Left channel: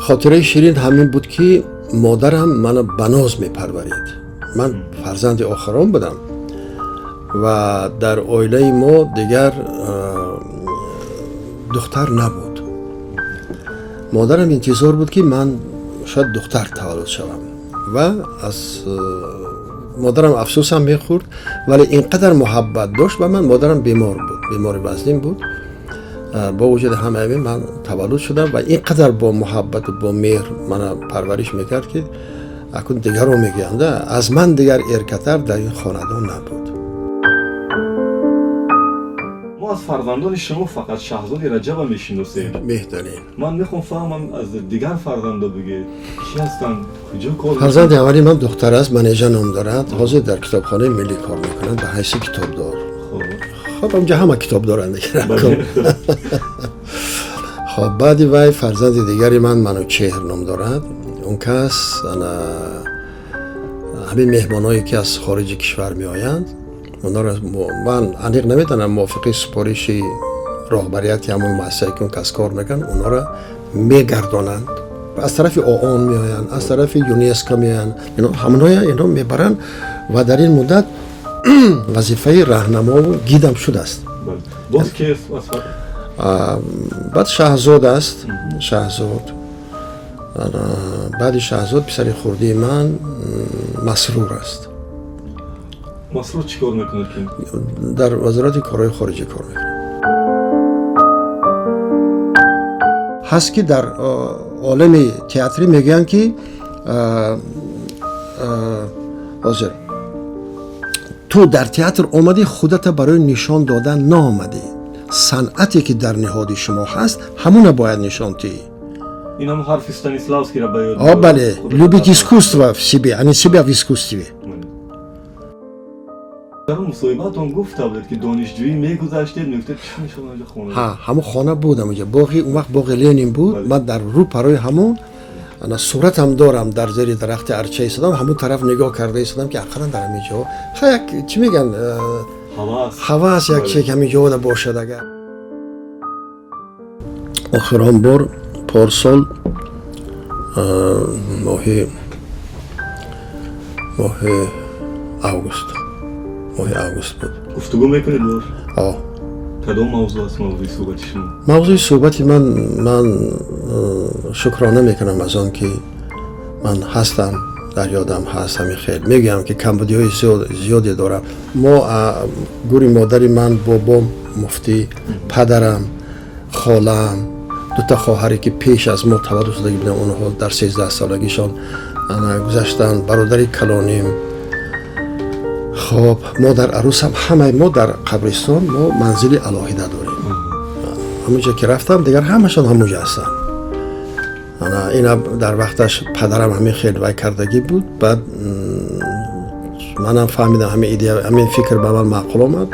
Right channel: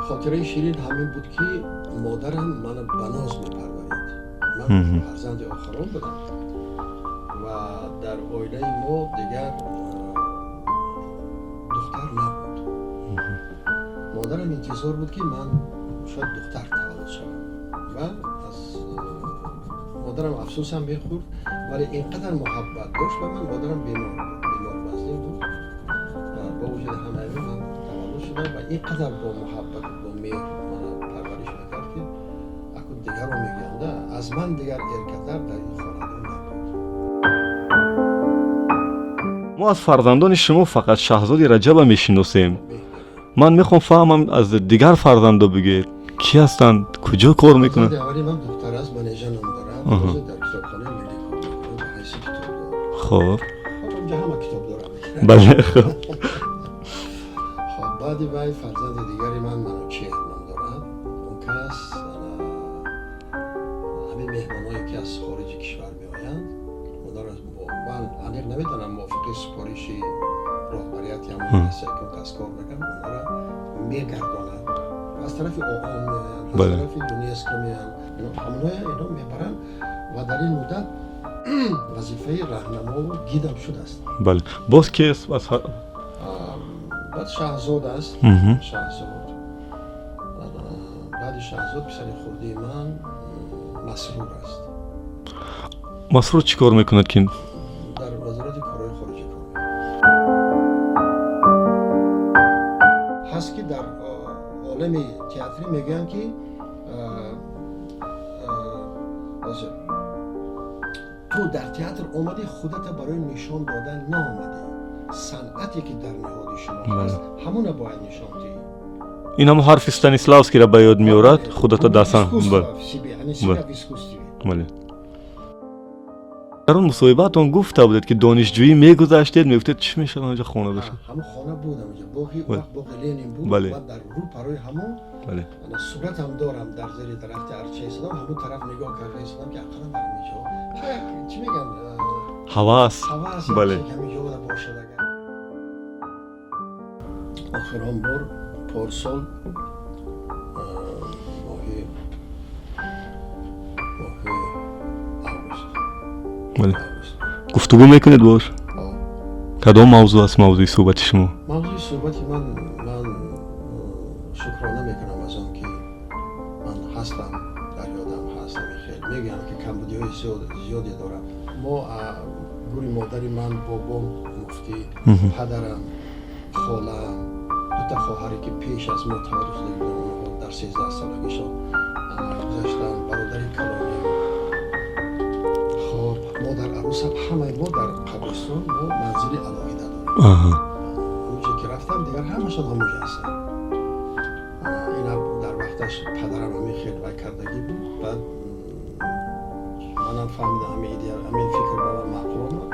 خاطره شیرین همین بود که مادرم منو بناز میپرورید. من فرزند آخرم بودم و در عائله ما دیگر دختر نبود. مادرم انتظار بود که من شاید دختر تولد شوم و از مادرم افسوسم میخورد، ولی اینقدر محبت داشت و من. مادرم بیمار بود، بیمار وزنین بود. با وجود همه این من تولد شدم و اینقدر با محبت و با مهر من پرورش میکرد که اکنون دیگر رو میگم از من دیگر ارکتر در این خاندان نبود. ما از فرزندان شما فقط شاهزاده رجب میشناسیم. بهترین. من میخوام فهمم از دیگر فرزندا بگید کی هستند، کجا کار میکنند؟ فرزند اولی من دختر است، منیژه نام دارد. حاضر در کتابخانه ملی کار میکنند به حیث کتابدار. خب اونجا همه کتاب دارند دیگه. بله. خب بعدی وای فرزند دیگری منوچهر نام دارد. اون کس همین مهمانایی که از خارج کشور می آیند اونا را من انیق نمیدونم موافقی سپارش راهبریت همون مؤسسه‌ای که اون کس کار میکنن اونا را میگردانند. از طرف آن می آیند، از طرف یونسکو می آیند، اینا میبرن و در این مدت وظیفه راهنما و گیدم شده است. بله. باز کی است؟ بعد شاهزاد است. شاهزاد. بعد شاهزاد پسر خردی من مسرور است. مسرور چی کار میکند که؟ در وزارت کارهای خارجی کار میکنه. هست که در عالم تئاتری میگن که حاضر تو در تئاتر اومدی خودت برای نشان دادن نامدی. صنعتی که در نهاد شما هست همون باید نشان دهی. این هم حرف استانیسلاوسکی را به یاد می‌آورد. خودت любить искусство в себе, а не себя в искусстве. در اون مصاحبه‌تون گفته بودید که دانشجویی میگذشتید، میگفتید چی میشد اونجا خونه؟ همون خانه بودم اونجا. باقی اون وقت باقی لنین بود. من در رو پروی همون انا صورت هم دارم در زیر درخت ارچه ایستادم، همون طرف نگاه کرده ایستادم که اخرا در همینجا یک چی میگن حواس یک چیز همینجا باشد. اگر آخران بار پارسال ماه اوگوست بود. گفتگو میکنید باش؟ کدام موضوع است موضوع صحبت شما؟ موضوع صحبتی من شکرانه میکنم از آن که من هستم، در یادم هست. همین خیلی میگم که کمبودی‌های زیادی دارم. ما گوری مادری من، بابام مفتی، پدرم، خالم، دو تا خواهری که پیش از ما تولد شده بودن، اونها در 13 سالگیشان گذشتن. برادری کلانیم. خب ما در عروس هم همه ما در قبرستان ما منزل علاهیده داریم. همونجا که رفتم دیگر همشان همونجا هستن. اینا در وقتش پدرم همین خیلی وای کردگی بود. بعد منم فهمیدم همین فکر به من معقول آمد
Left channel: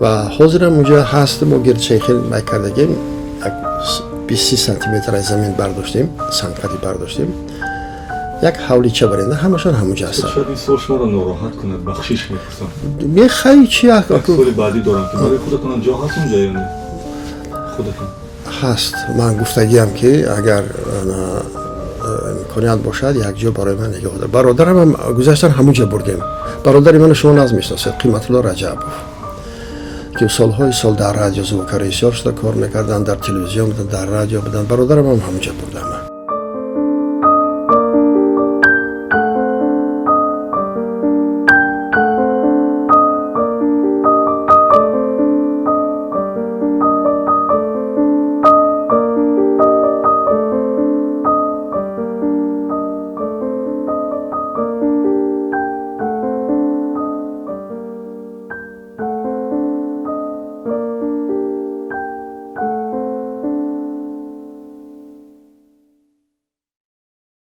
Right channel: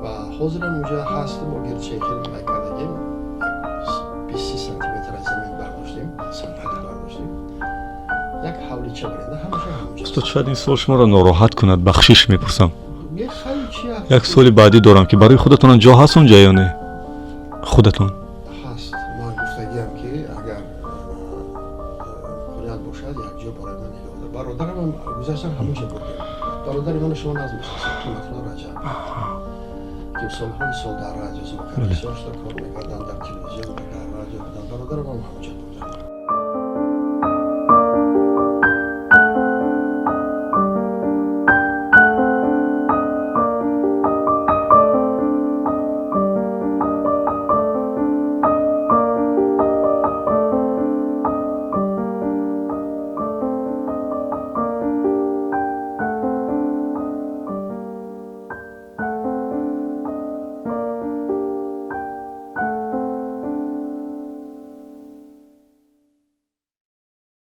و حاضرم اونجا هستم و گرد شیخ خیلی وای کردگی 20 سانتی متر از زمین برداشتیم، سنگفتی برداشتیم، یک حولیچه برنده همشان همونجا هستن. شاید این سوال شما را ناراحت کند، بخشش میپرسم. میخوایی چی؟ یک سوال بعدی دارم که برای خودتون جا هست اونجا یا نه؟ خودتون هست. من گفتگیم که اگر امکانیت باشد یک جا برای من نگاه دار. برادرم هم گذاشتن همونجا بردیم. برادری من شما ناز میشناسید، قیمت الله رجب، که سالهای سال در رادیو زوکر ایسیار شده کار میکردن، در تلویزیون بودن، در رادیو بودن. برادرم هم همونجا بردم.